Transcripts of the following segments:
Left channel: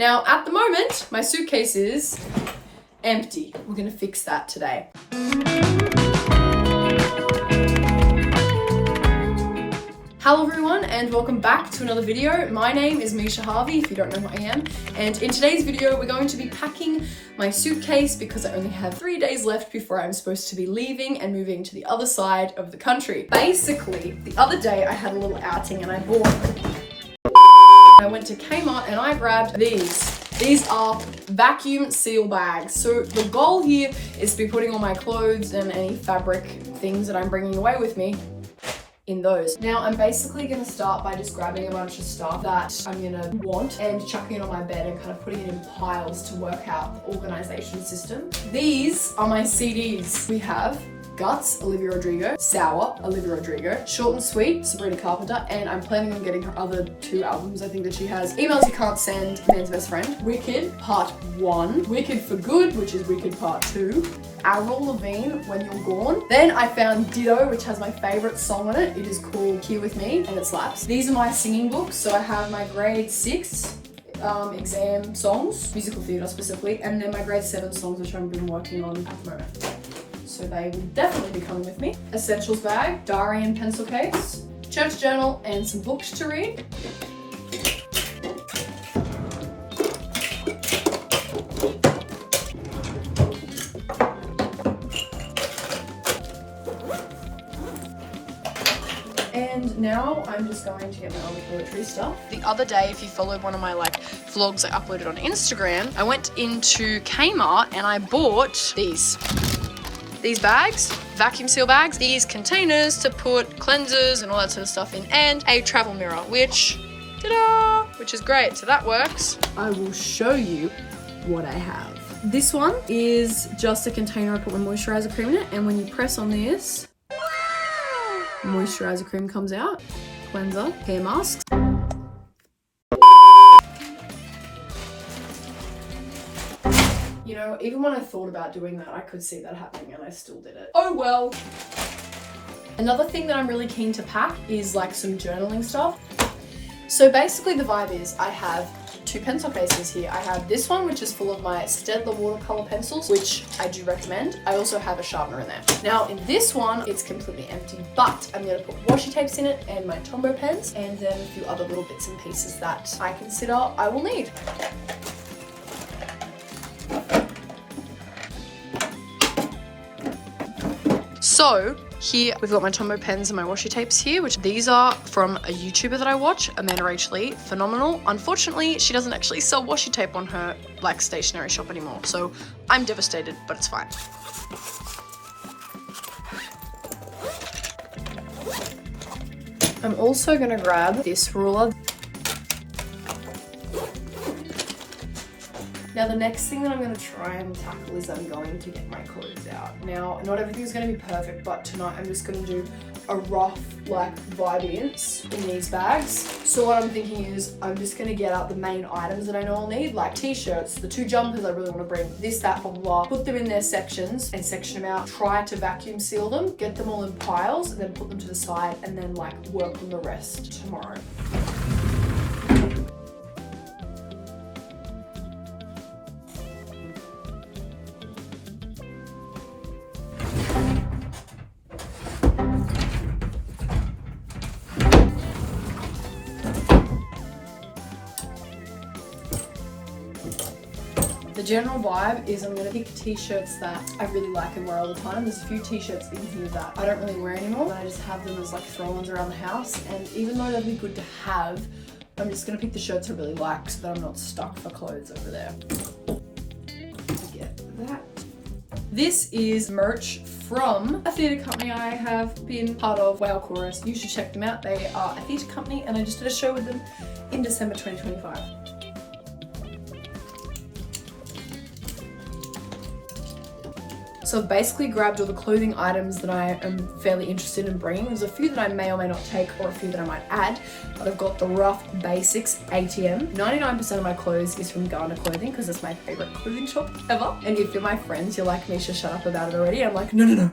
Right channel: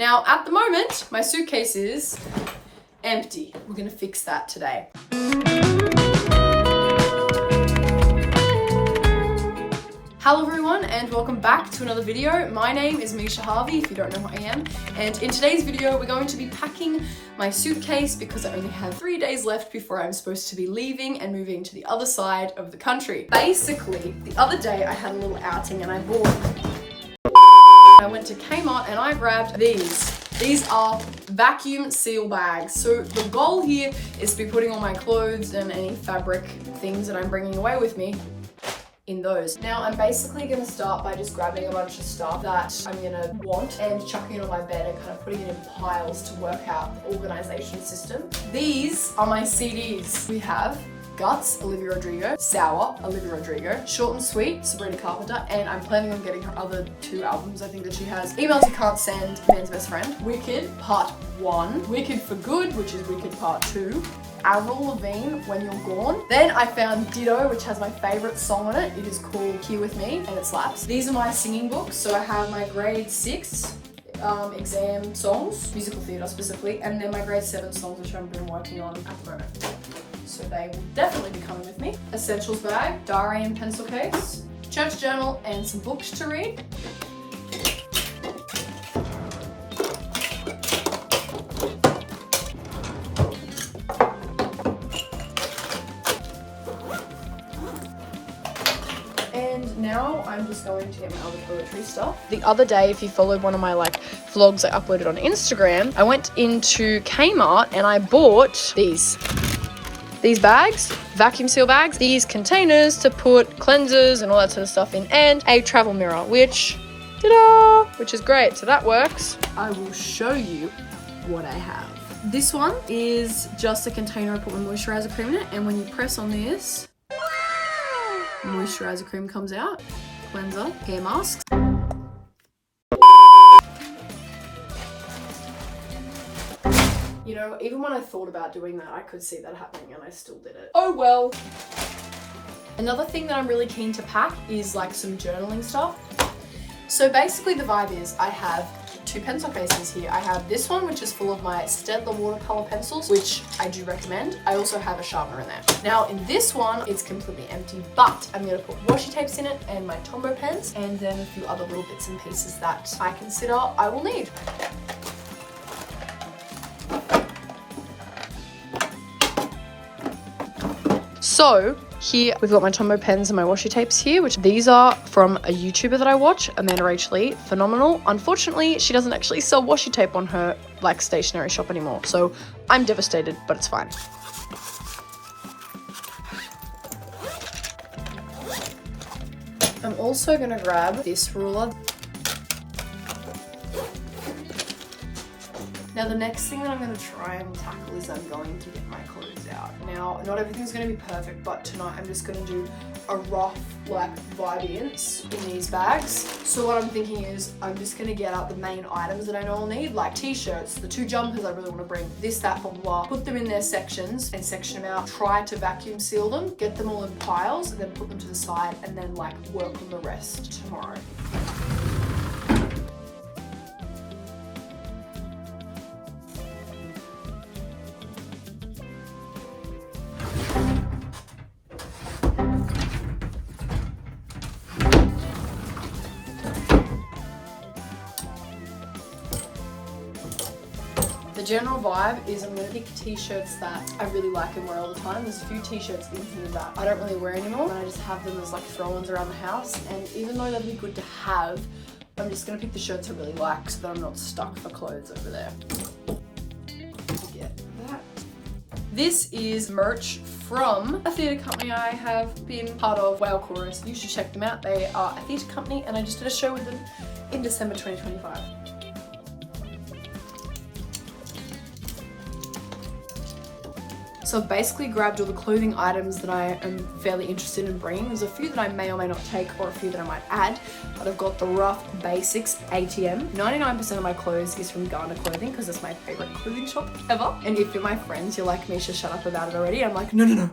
Now, at the moment, my suitcase is empty. We're gonna fix that today. Hello everyone and welcome back to another video. My name is Meish if you don't know who I am, and in today's video we're going to be packing my suitcase because I only have 3 days left before I'm supposed to be leaving and moving to the other side of the country. Basically, the other day I had a little outing and I went to Kmart and I grabbed these. These are vacuum seal bags. So the goal here is to be putting all my clothes and any fabric things that I'm bringing away with me in those. Now I'm basically gonna start by just grabbing a bunch of stuff that I'm gonna want and chucking it on my bed and kind of putting it in piles to work out the organization system. These are my CDs. We have Guts, Olivia Rodrigo, Sour, Olivia Rodrigo, Short and Sweet, Sabrina Carpenter, and I'm planning on getting her other 2 albums I think that she has. Emails You Can't Send, Man's Best Friend, Wicked, Part 1, Wicked for Good, which is Wicked Part 2, Avril Lavigne, When You're Gone. Then I found Ditto, which has my favourite song on it. It is called Here With Me, and it slaps. These are my singing books, so I have my grade 6 exam songs, musical theatre specifically, and then my grade 7 songs which I've been working on at the moment. So they will definitely be coming with me. Essentials bag, diary and pencil case, church journal, and some books to read. And now I'm just going to get my other toiletries stuff. The other day, if you followed one of my vlogs I uploaded on Instagram, I went into Kmart and I bought these bags, vacuum seal bags, these containers to put cleansers and all that sort of stuff in, and a travel mirror, which, ta-da, which is great. So that works. I will show you what I have. This one is just a container I put my moisturizer cream in it, and when you press on this, moisturizer cream comes out, cleanser, hair mask. You know, even when I thought about doing that, I could see that happening and I still did it. Oh well. Another thing that I'm really keen to pack is some journaling stuff. So basically the vibe is I have 2 pencil cases here. I have this one, which is full of my Staedtler watercolor pencils, which I do recommend. I also have a sharpener in there. Now in this one, it's completely empty, but I'm gonna put washi tapes in it and my Tombow pens, and then a few other little bits and pieces that I consider I will need. So here we've got my Tombow pens and my washi tapes here, which these are from a YouTuber that I watch, Amanda Rach Lee, phenomenal. Unfortunately, she doesn't actually sell washi tape on her stationery shop anymore, so I'm devastated, but it's fine. I'm also gonna grab this ruler. Now the next thing that I'm going to try and tackle is I'm going to get my clothes out. Now, not everything's going to be perfect, but tonight I'm just going to do a rough vibe-ins in these bags. So what I'm thinking is I'm just going to get out the main items that I know I'll need, like t-shirts, the 2 jumpers I really want to bring, this, that, blah, blah, blah. Put them in their sections and section them out. Try to vacuum seal them, get them all in piles, and then put them to the side, and then work on the rest tomorrow. The general vibe is I'm going to pick t-shirts that I really like and wear all the time. There's a few t-shirts in here that I don't really wear anymore, but I just have them as throw-ons around the house, and even though they'd be good to have, I'm just going to pick the shirts I really like so that I'm not stuck for clothes over there. Get that. This is merch from a theatre company I have been part of, Whale Chorus. You should check them out. They are a theatre company and I just did a show with them in December 2025. So I've basically grabbed all the clothing items that I am fairly interested in bringing. There's a few that I may or may not take, or a few that I might add, but I've got the rough basics ATM. 99% of my clothes is from Ghana Clothing because it's my favorite clothing shop ever. And if you're my friends, you're like, Misha, shut up about it already. I'm like, no.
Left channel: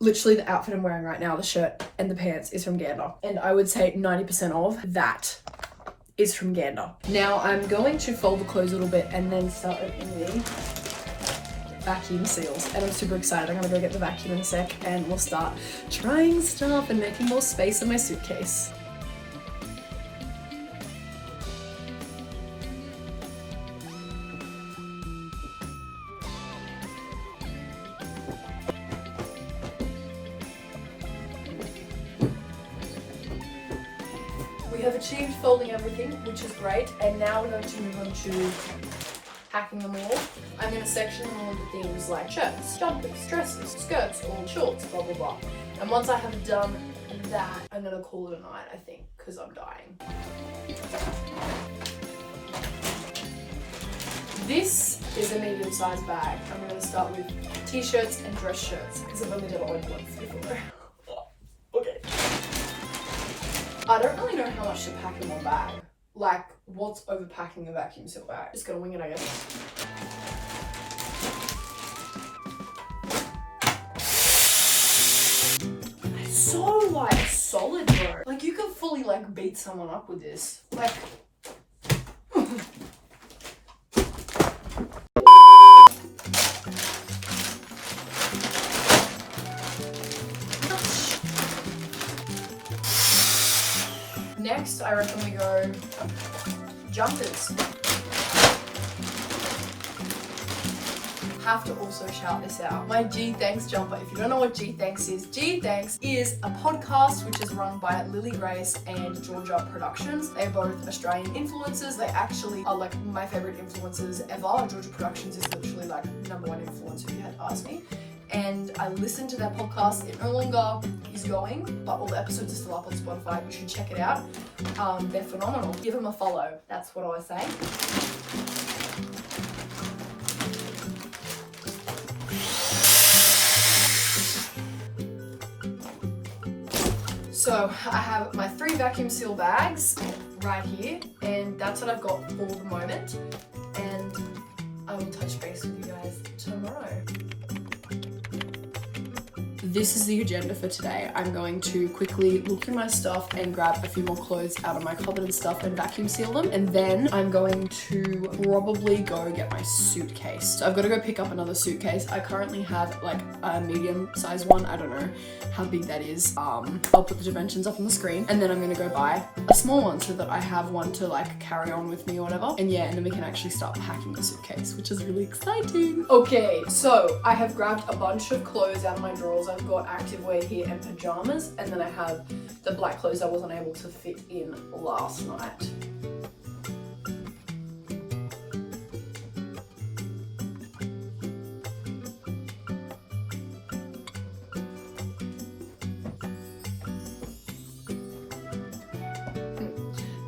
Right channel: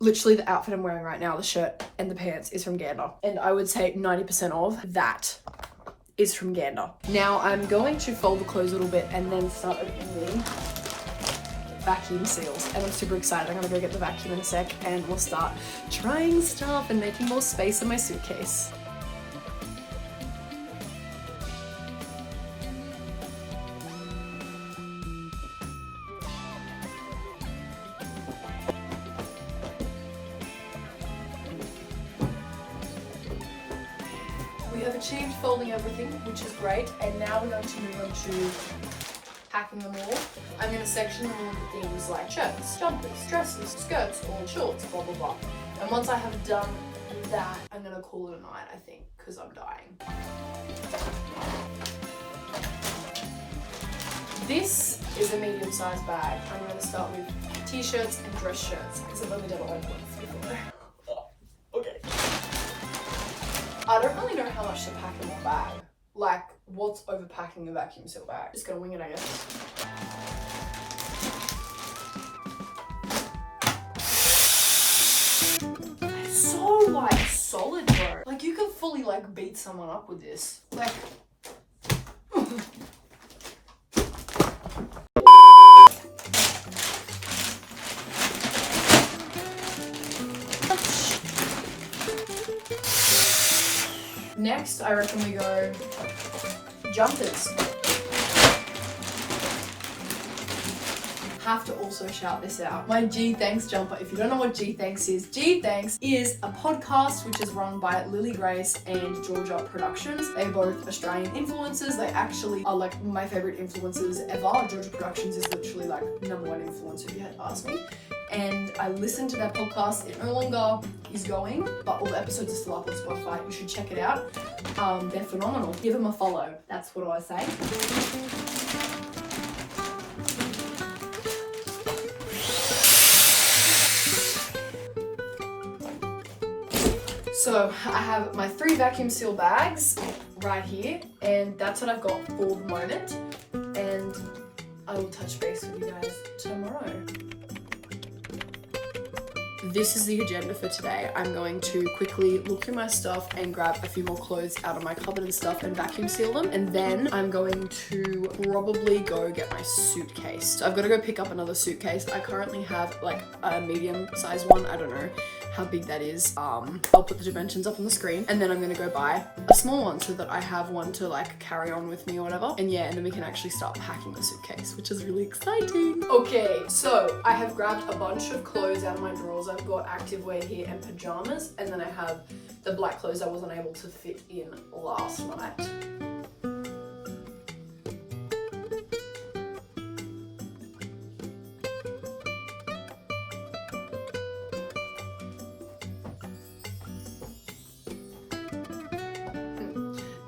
Literally the outfit I'm wearing right now, the shirt and the pants, is from Gander. And I would say 90% of that is from Gander. Now I'm going to fold the clothes a little bit and then start opening vacuum seals, and I'm super excited. I'm gonna go get the vacuum in a sec and we'll start trying stuff and making more space in my suitcase. We have achieved folding everything, which is great, and now we're going to move on to packing them all. I'm going to section them all with things like shirts, jumpers, dresses, skirts, or shorts, blah blah blah. And once I have done that, I'm going to call it a night, I think, because I'm dying. This is a medium-sized bag. I'm going to start with t-shirts and dress shirts, because I've only done it like once before. Okay. I don't really know how much to pack in one bag. Like, what's overpacking a vacuum seal bag? Just gonna wing it, I guess. It's so, like, solid, bro. Like, you could fully, like, beat someone up with this. Like... Next, I reckon we go jumpers. Have to also shout this out. My G Thanks jumper. If you don't know what G Thanks is a podcast which is run by Lily Grace and Georgia Productions. They're both Australian influencers. They actually are like my favorite influencers ever. Georgia Productions is literally like #1 influencer if you had to ask me. And I listened to their podcast. It no longer is going, but all the episodes are still up on Spotify. You should check it out. They're phenomenal. Give them a follow. That's what I say. So I have my 3 vacuum seal bags right here, and that's what I've got for the moment. And I will touch base with you guys tomorrow. This is the agenda for today. I'm going to quickly look through my stuff and grab a few more clothes out of my cupboard and stuff and vacuum seal them. And then I'm going to probably go get my suitcase. So I've got to go pick up another suitcase. I currently have like a medium size one. I don't know how big that is. I'll put the dimensions up on the screen, and then I'm gonna go buy a small one so that I have one to like carry on with me or whatever. And yeah, and then we can actually start packing the suitcase, which is really exciting. Okay, so I have grabbed a bunch of clothes out of my drawers. I've got activewear here and pajamas, and then I have the black clothes I wasn't able to fit in last night.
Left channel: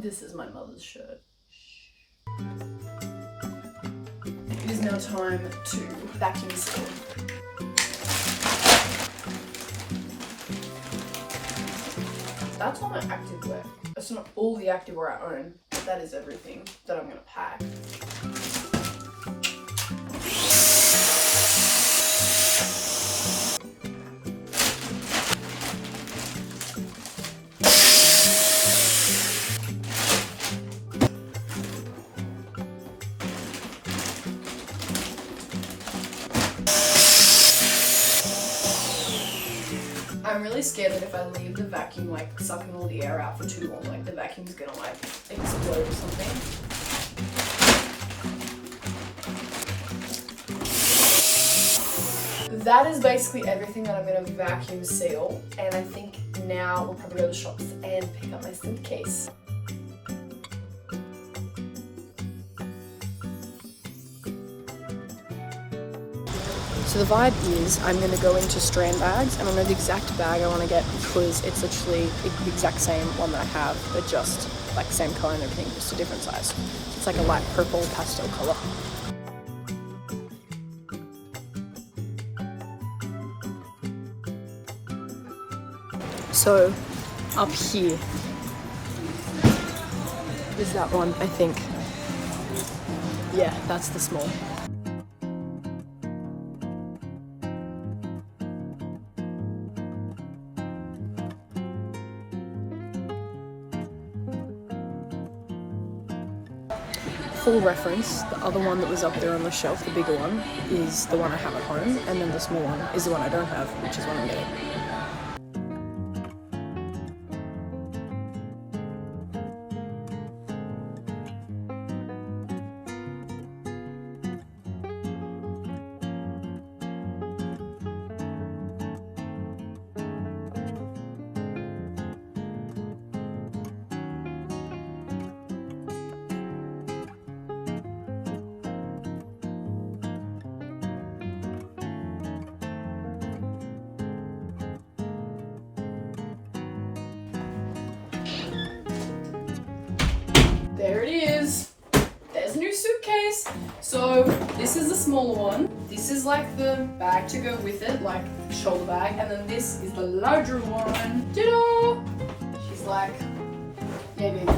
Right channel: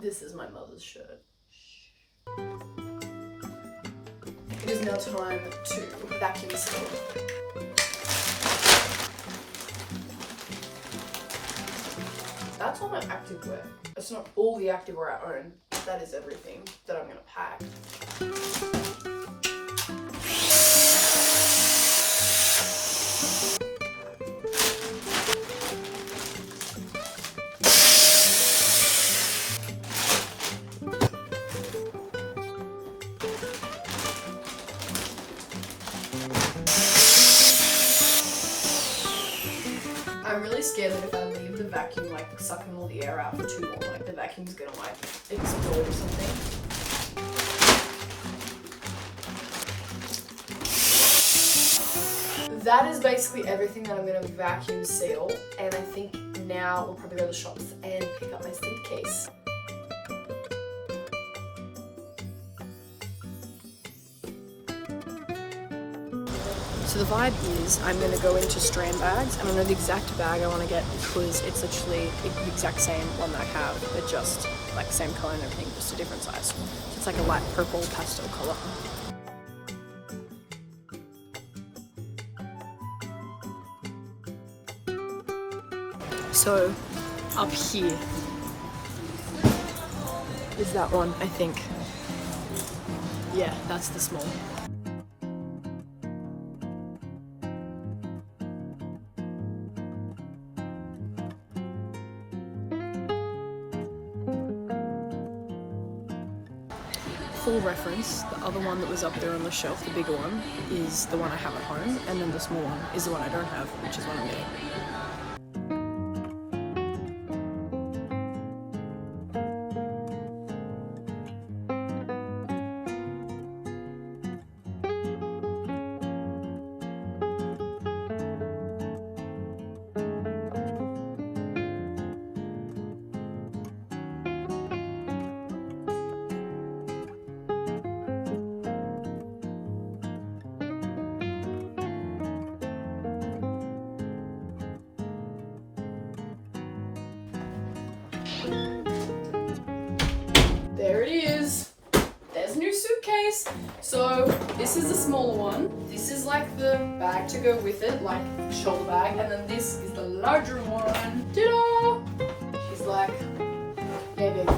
This is my mother's shirt. It is now time to vacuum seal. That's all my activewear. It's not all the activewear I own, but that is everything that I'm gonna pack. I'm really scared that if I leave the vacuum like sucking all the air out for too long, like the vacuum's gonna like explode or something. That is basically everything that I'm gonna vacuum seal, and I think now we'll probably go to the shops and pick up my suitcase. So the vibe is I'm going to go into Strand bags, and I know the exact bag I want to get because it's literally the exact same one that I have, but just like same color and everything, just a different size. It's like a light purple pastel color. So up here is that one, I think. Yeah, that's the small. full reference, the other one that was up there on the shelf, the bigger one, is the one I have at home, and then the small one is the one I don't have, which is what I'm getting. There it is. There's a new suitcase. So this is the small one. This is like the bag to go with it, like shoulder bag. And then this is the larger one. Ta-da! She's like, yeah, baby.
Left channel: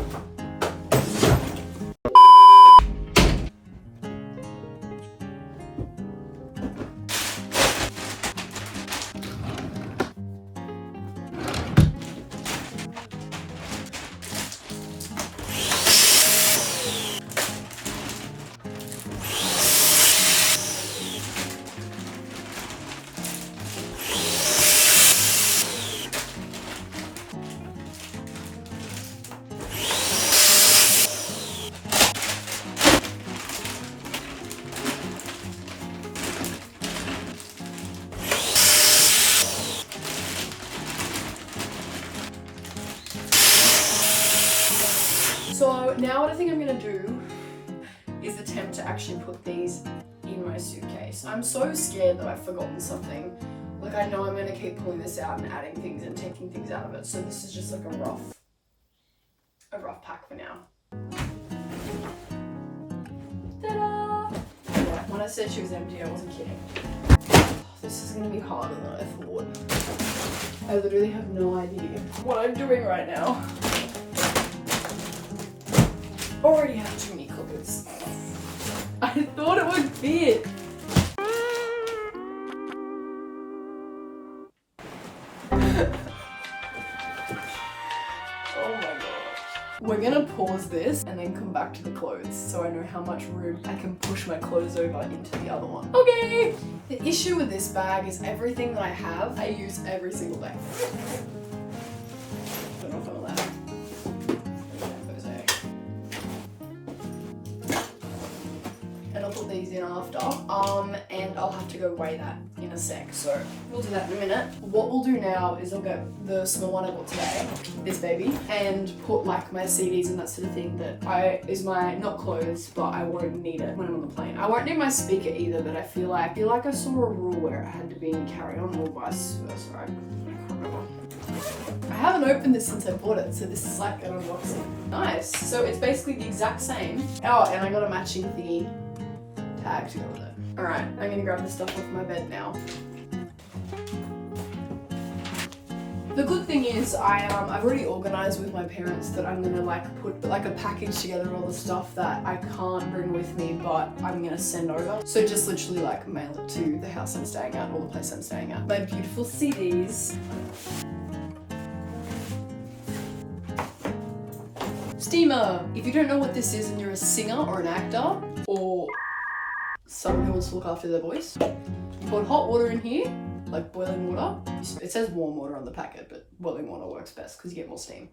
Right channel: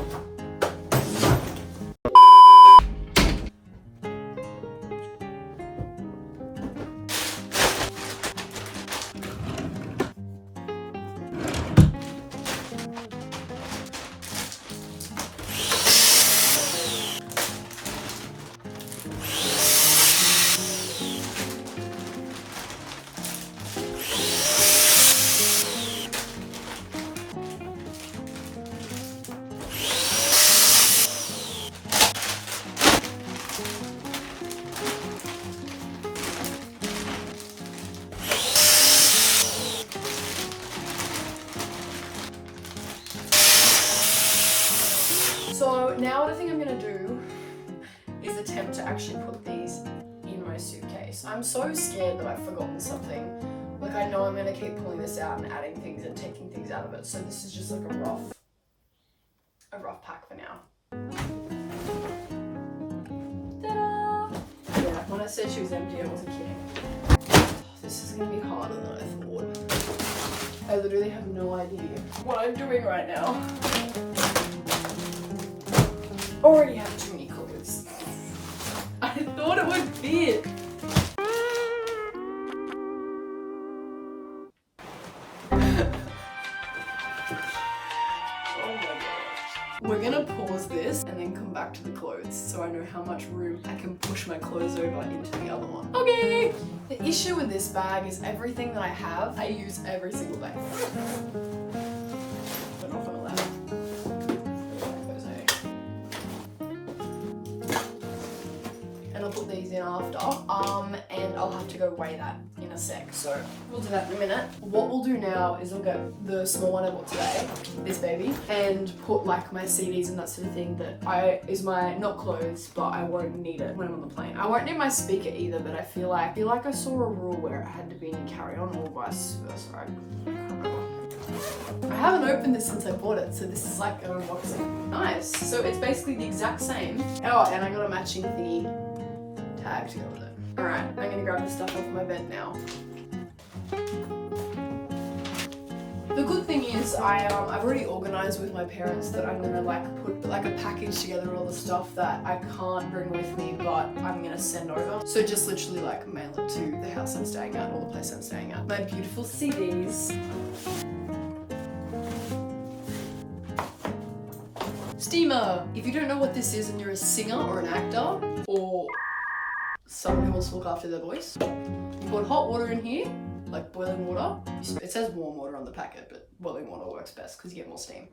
So now what I think I'm gonna do is attempt to actually put these in my suitcase. I'm so scared that I've forgotten something. Like I know I'm gonna keep pulling this out and adding things and taking things out of it. So this is just like a rough pack for now. Ta-da! Yeah, when I said she was empty, I wasn't kidding. This is gonna be harder than I thought. I literally have no idea what I'm doing right now. Already have too many clothes. I thought it would fit. Oh my god. We're gonna pause this and then come back to the clothes so I know how much room I can push my clothes over into the other one. Okay! The issue with this bag is everything that I have, I use every single day. But not gonna lie. And I'll put these in after, and I'll have to go weigh that in a sec, so we'll do that in a minute. What we'll do now is I'll get the small one I bought today, this baby, and put like my CDs and that sort of thing that is my, not clothes, but I won't need it when I'm on the plane. I won't need my speaker either, but I feel like I saw a rule where it had to be in carry-on or vice versa. I haven't opened this since I bought it, so this is like an unboxing. Nice, so it's basically the exact same. Oh, and I got a matching thingy tag to go with it. Alright, I'm gonna grab this stuff off my bed now. The good thing is I've already organised with my parents that I'm gonna like put like a package together all the stuff that I can't bring with me but I'm gonna send over. So just literally like mail it to the house I'm staying at or the place I'm staying at. My beautiful CDs. Steamer! If you don't know what this is and you're a singer or an actor or someone who wants to look after their voice, you put hot water in here, like boiling water. It says warm water on the packet, but boiling water works best because you get more steam.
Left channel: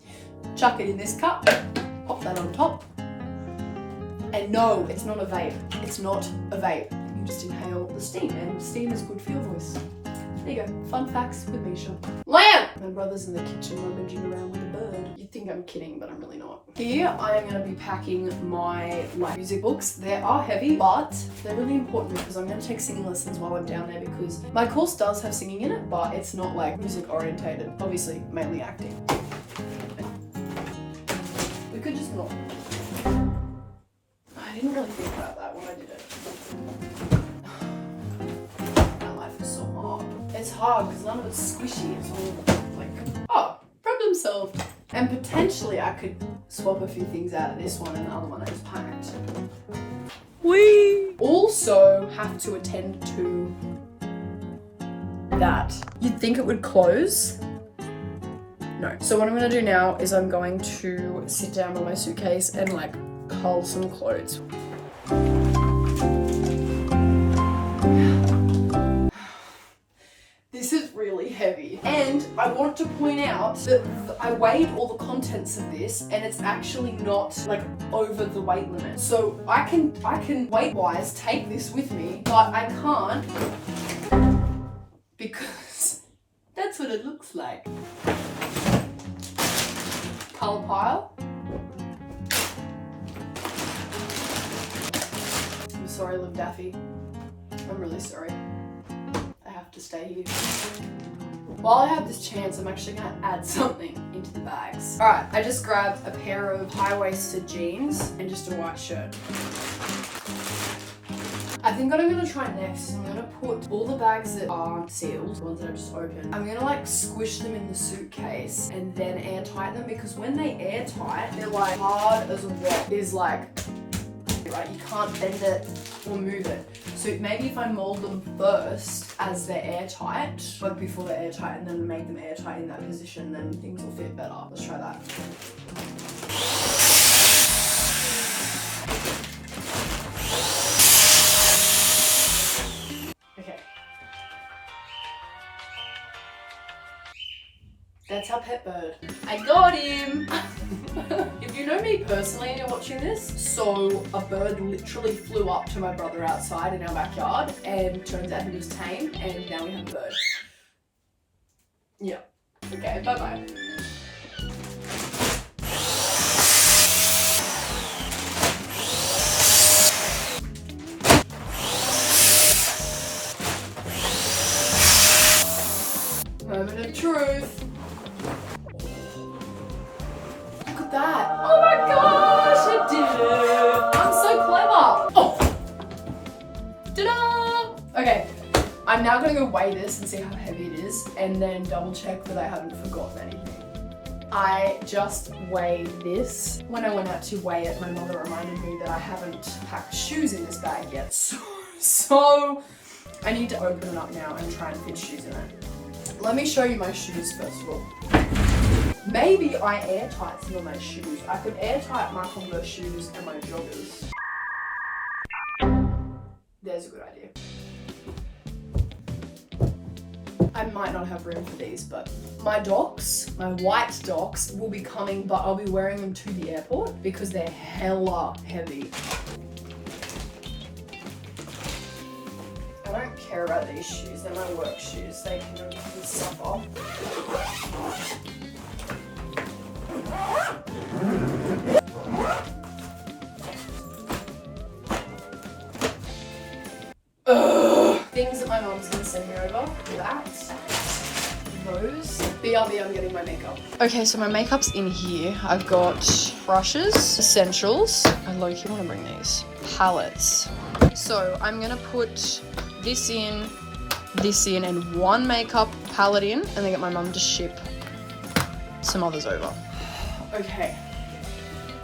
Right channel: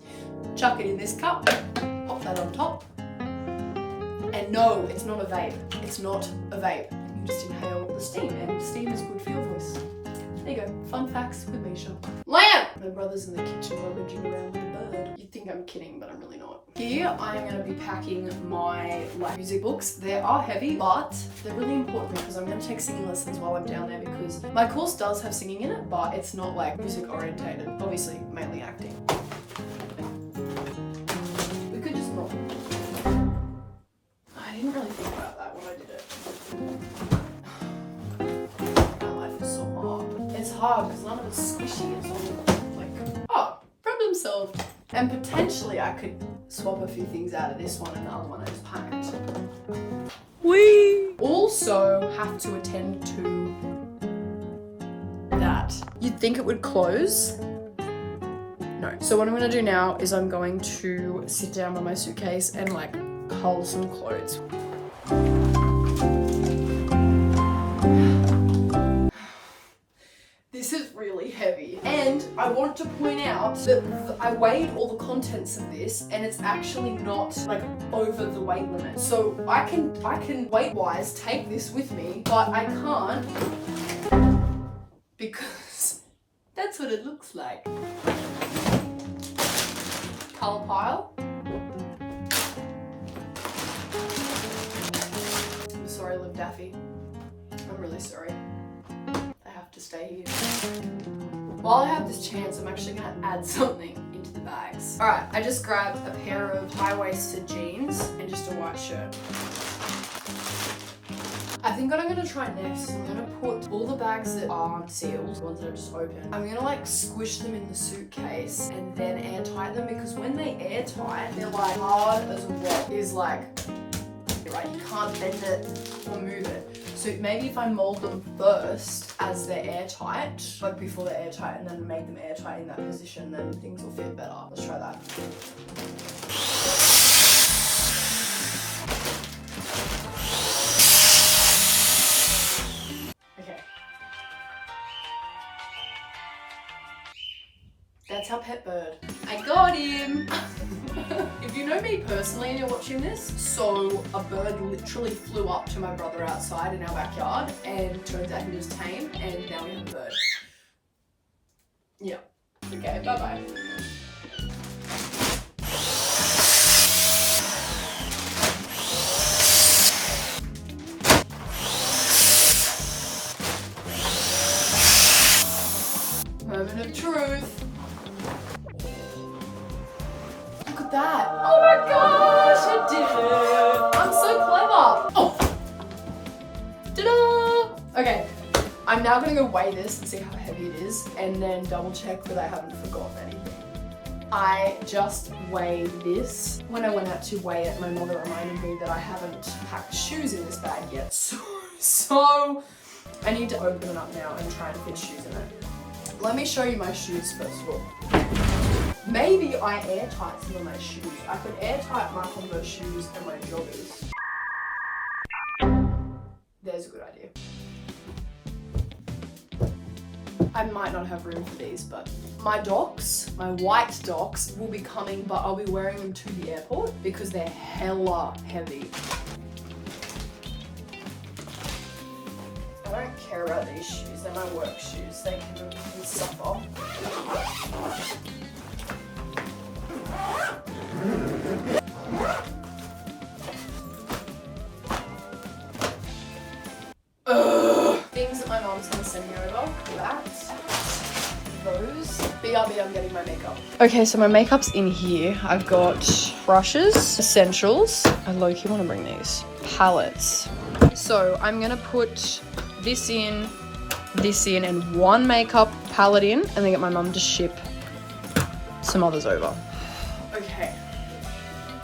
Chuck it in this cup, pop that on top. And no, it's not a vape. It's not a vape. You just inhale the steam, and steam is good for your voice. There you go. Fun facts with Meish. Lamp! My brother's in the kitchen rummaging around with a bird. You'd think I'm kidding, but I'm really not. Here I am going to be packing my music books. They are heavy, but they're really important because I'm going to take singing lessons while I'm down there because my course does have singing in it, but it's not like music orientated. Obviously, mainly acting. We could just not. I didn't really think about that when I did it. My life is so hard. It's hard because none of it's squishy. It's all like, oh, problem solved. And potentially I could swap a few things out of this one and the other one I just packed. We also have to attend to that. You'd think it would close. No. So what I'm gonna do now is I'm going to sit down by my suitcase and like cull some clothes. This is really heavy. And I want to point out that I weighed all the contents of this and it's actually not like over the weight limit. So I can weight-wise take this with me, but I can't because that's what it looks like. Colour pile. I'm sorry, Liv Daffy. I'm really sorry. I have to stay here. While I have this chance, I'm actually gonna add something into the bags. All right, I just grabbed a pair of high-waisted jeans and just a white shirt. I think what I'm gonna try next is I'm gonna put all the bags that aren't sealed, the ones that are just open, I'm gonna like squish them in the suitcase and then airtight them, because when they airtight, they're like hard as a rock. Is like, right, you can't bend it or move it. So maybe if I mold them first as they're airtight, like before they're airtight, and then make them airtight in that position, then things will fit better. Let's try that. Okay. That's our pet bird. I got him! If you know me personally and you're watching this, so a bird literally flew up to my brother outside in our backyard, and turns out he was tame, and now we have a bird. Yeah. Okay, bye-bye. Moment of truth. That. Oh my gosh, I did it! I'm so clever! Oh! Ta-da! Okay, I'm now gonna go weigh this and see how heavy it is, and then double check that I haven't forgotten anything. I just weighed this. When I went out to weigh it, my mother reminded me that I haven't packed shoes in this bag yet, so I need to open it up now and try and fit shoes in it. Let me show you my shoes first of all. Maybe I airtight some of my shoes. I could airtight my Converse shoes and my joggers. There's a good idea. I might not have room for these, but my Docs, my white Docs, will be coming, but I'll be wearing them to the airport because they're hella heavy. I don't care about these shoes. They're my work shoes. They can suffer. Things that my mom's gonna send me over. That. Those. BRB, I'm getting my makeup. Okay, so my makeup's in here. I've got brushes, essentials. I low-key want to bring these. Palettes. So I'm gonna put this in, and one makeup palette in, and then get my mum to ship some others over. Okay,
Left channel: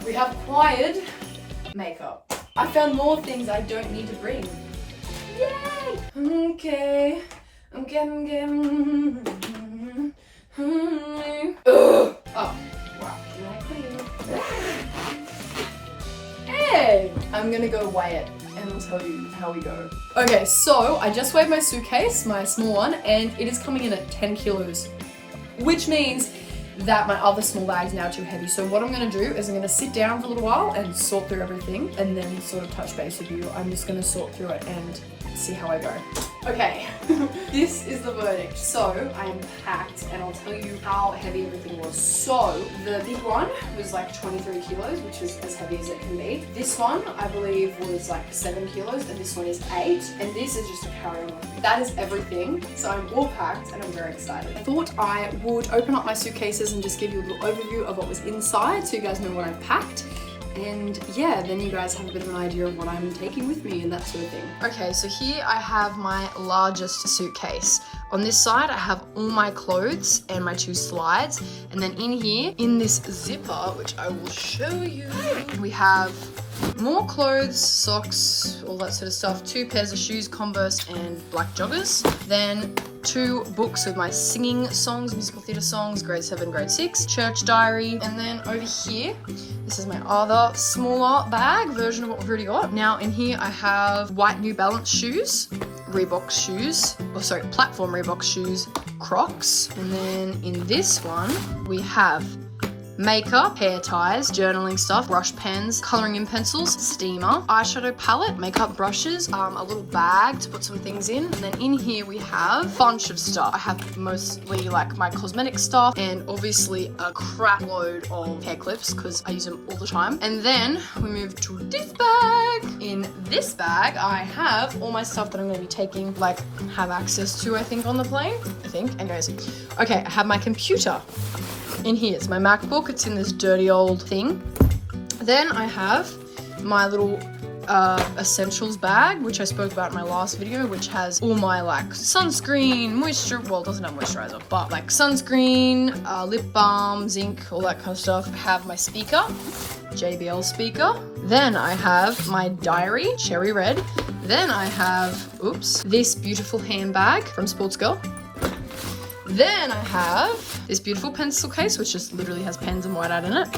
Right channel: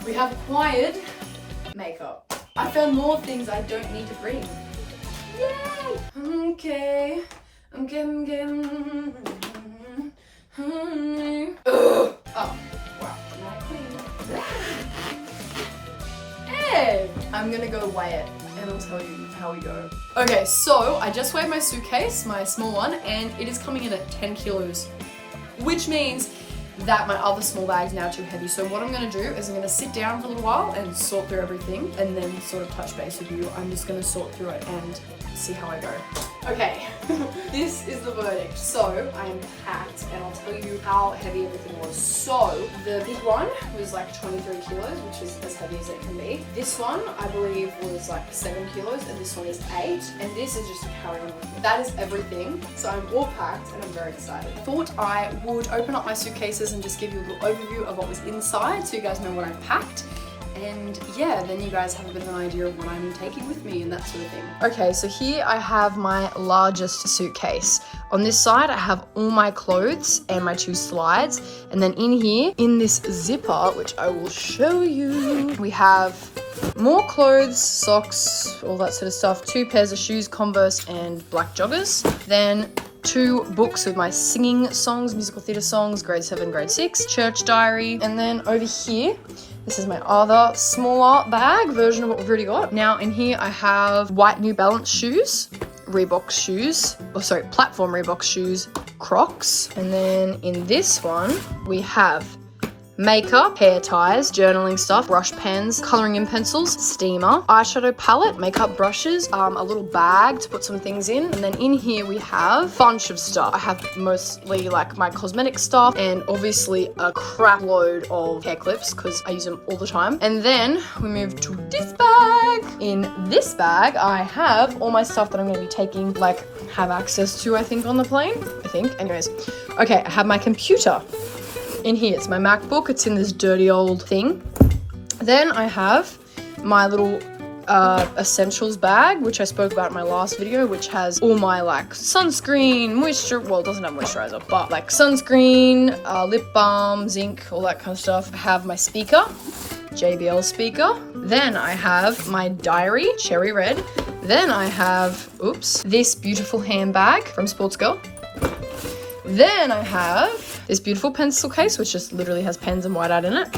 we have acquired makeup. I found more things I don't need to bring. Yay! Okay. Oh, wow. Hey! I'm gonna go weigh it and I'll tell you how we go. Okay, so I just weighed my suitcase, my small one, and it is coming in at 10 kilos, which means that my other small bag is now too heavy. So what I'm gonna do is I'm gonna sit down for a little while and sort through everything and then sort of touch base with you. I'm just gonna sort through it and see how I go. Okay, this is the verdict. So I am packed and I'll tell you how heavy everything was. So the big one was like 23 kilos, which is as heavy as it can be. This one, I believe, was like 7 kilos and this one is 8. And this is just a carry-on. That is everything. So I'm all packed and I'm very excited. Thought I would open up my suitcases and just give you a little overview of what was inside so you guys know what I've packed. And yeah, then you guys have a bit of an idea of what I'm taking with me and that sort of thing. Okay, so here I have my largest suitcase. On this side, I have all my clothes and my 2 slides. And then in here, in this zipper, which I will show you, we have more clothes, socks, all that sort of stuff, 2 pairs of shoes, Converse and black joggers. Then 2 books with my singing songs, musical theatre songs, grade 7, grade 6, church diary. And then over here, This is my other smaller bag version of what we've already got. Now in here I have white New Balance shoes, Reebok shoes, platform Reebok shoes, Crocs. And then in this one we have makeup, hair ties, journaling stuff, brush pens, colouring in pencils, steamer, eyeshadow palette, makeup brushes, a little bag to put some things in. And then in here we have a bunch of stuff. I have mostly like my cosmetic stuff and obviously a crap load of hair clips because I use them all the time. And then we move to this bag. In this bag I have all my stuff that I'm going to be taking, like have access to, I think, on the plane. Anyways. Okay, I have my computer. In here, it's my MacBook. It's in this dirty old thing. Then I have my little essentials bag, which I spoke about in my last video, which has all my like sunscreen, well, it doesn't have moisturizer, but like sunscreen, lip balm, zinc, all that kind of stuff. I have my speaker, JBL speaker. Then I have my diary, cherry red. Then I have, this beautiful handbag from Sports Girl. Then I have this beautiful pencil case, which just literally has pens and whiteout in it.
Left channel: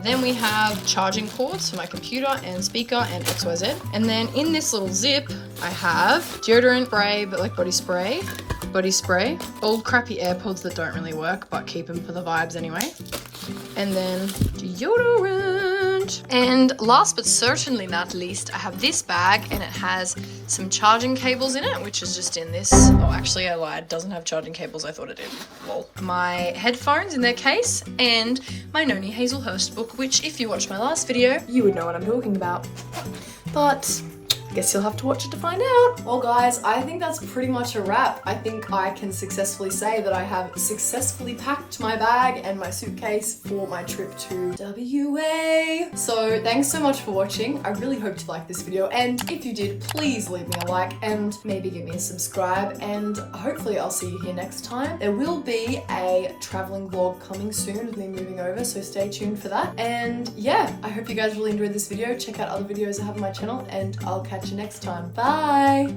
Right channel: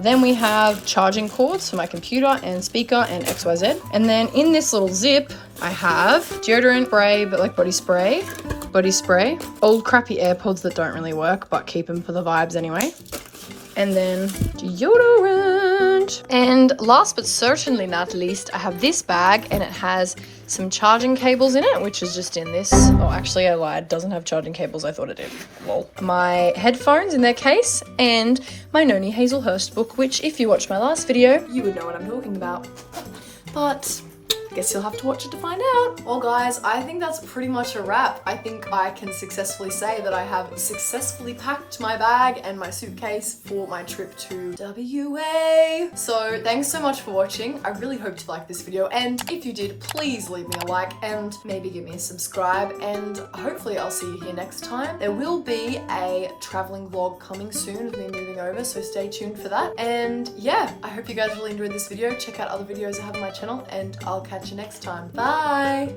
Then we have charging cords for my computer and speaker and XYZ. And then in this little zip, I have deodorant spray, but like body spray, old crappy AirPods that don't really work, but keep them for the vibes anyway. And then deodorant. And last but certainly not least, I have this bag and it has some charging cables in it, which is just in this. Oh, actually I lied. It doesn't have charging cables. I thought it did. Lol. My headphones in their case and my Noni Hazelhurst book, which if you watched my last video, you would know what I'm talking about. But guess you'll have to watch it to find out. Well guys, I think that's pretty much a wrap. I think I can successfully say that I have successfully packed my bag and my suitcase for my trip to WA. So thanks so much for watching. I really hope you liked this video, and if you did, please leave me a like and maybe give me a subscribe, and hopefully I'll see you here next time. There will be a traveling vlog coming soon of me moving over, so stay tuned for that. And yeah, I hope you guys really enjoyed this video. Check out other videos I have on my channel and I'll catch you next time. Bye!